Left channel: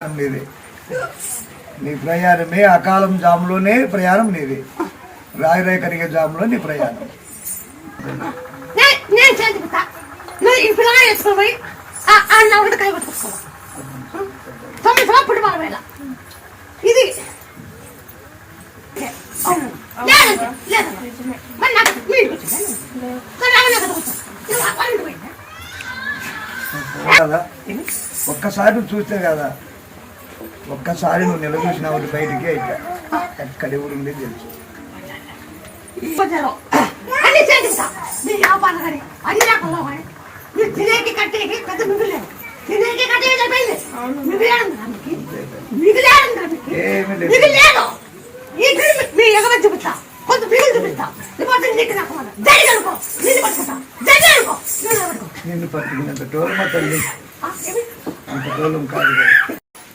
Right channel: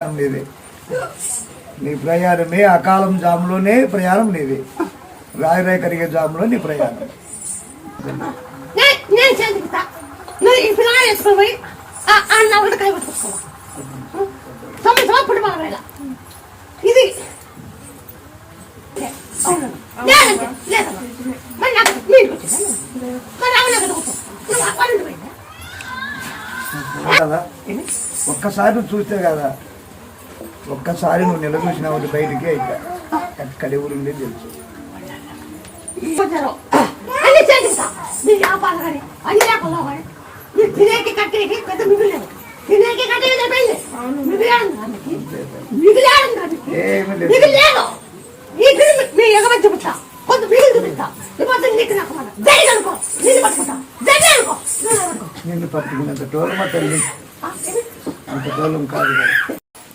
నీది నీ ప్రయాణమే అకాలం జాములోనే ప్రయాణం నీది రాయి కరిగే జాములో నీ ప్రయాణం ఇది కదా ఒక్కసారి నువ్వు చూస్తే కదా ఒక్కసారి నువ్వు నిలదూసినావు బయటికి అయిపోయా ఎక్కడ ఎవరు ఉండేది తెలుసు నిన్ను పట్టుకున్నంత టోలం తల్లి అంత టోలం కాదు